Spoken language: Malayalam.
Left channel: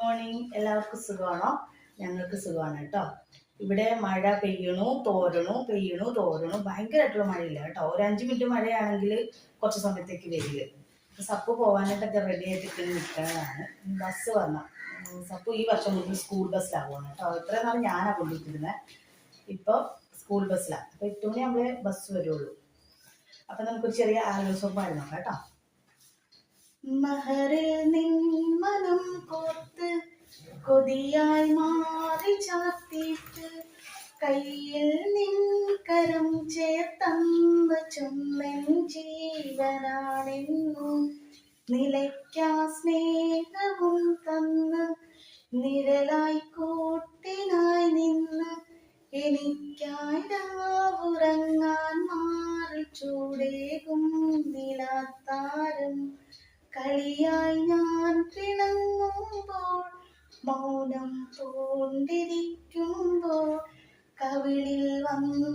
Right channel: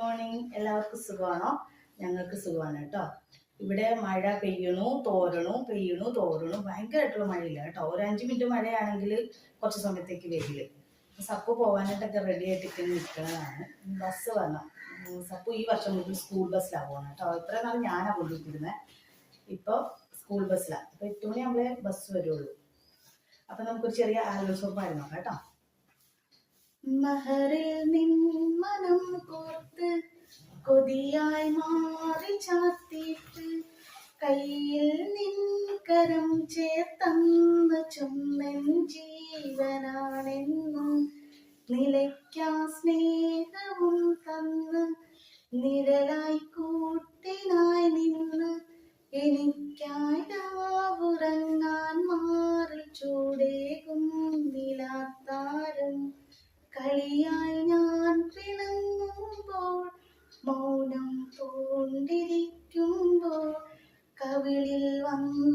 മോർണിംഗ്. എല്ലാവർക്കും സുഖമാണോ? ഞങ്ങൾക്ക് സുഖമാണ് കേട്ടോ. ഇവിടെ മഴ പെയ്യണു തോരണു ഭയങ്കരമായിട്ടുള്ള മഴയില്ല കേട്ടോ. ഒരു 5 മിനിറ്റ് മഴയാണെങ്കിൽ കുറച്ച് സമയത്തേക്ക് വരില്ല. സപ്പ് പോകാനായിട്ടൊക്കെ റെഡി ആയിട്ടൊക്കെ നിൽക്കുന്നതാണ്. ബസ് വന്ന സപ്പ് ഈ വർഷം മുതൽ സ്കൂൾ ബസ്സിലാവുകയാണ് കേട്ടോ. ഇത്രയും നാൾ ഞാനാണ് കൊണ്ടുവരുന്നത്. ഇപ്പോൾ സ്കൂൾ ബസ്സിലാണ്. അപ്പോൾ 8 മണിയാകുമ്പോഴേ ബസ് വരുള്ളൂ. അപ്പം നമുക്കൊരു ചെറിയ ആലോചന പാടി നോക്കാം കേട്ടോ. മഹറിൽ നിൻ മനം കോർത്ത് കൊതിയായി മാറി ചാർത്തിയിട്ട് കയ്യിൽ നിൻ കരം ചേർത്തന്ന് ചൊന്നൻ ജീവനാണെന്നും നിലയ്ക്കാ സ്നേഹവും തന്ന് നിഴലായി കൂട്ടിനായി നിന്ന് എനിക്കായി രാവുറങ്ങാൻ മാറി ചൂടേകും നിലാത്താരം കളിയായി ഞാൻ പിണങ്ങുമ്പോൾ മൗനം പൂണ്ടിരിക്കുമ്പോൾ കവിളിൽ വന്ന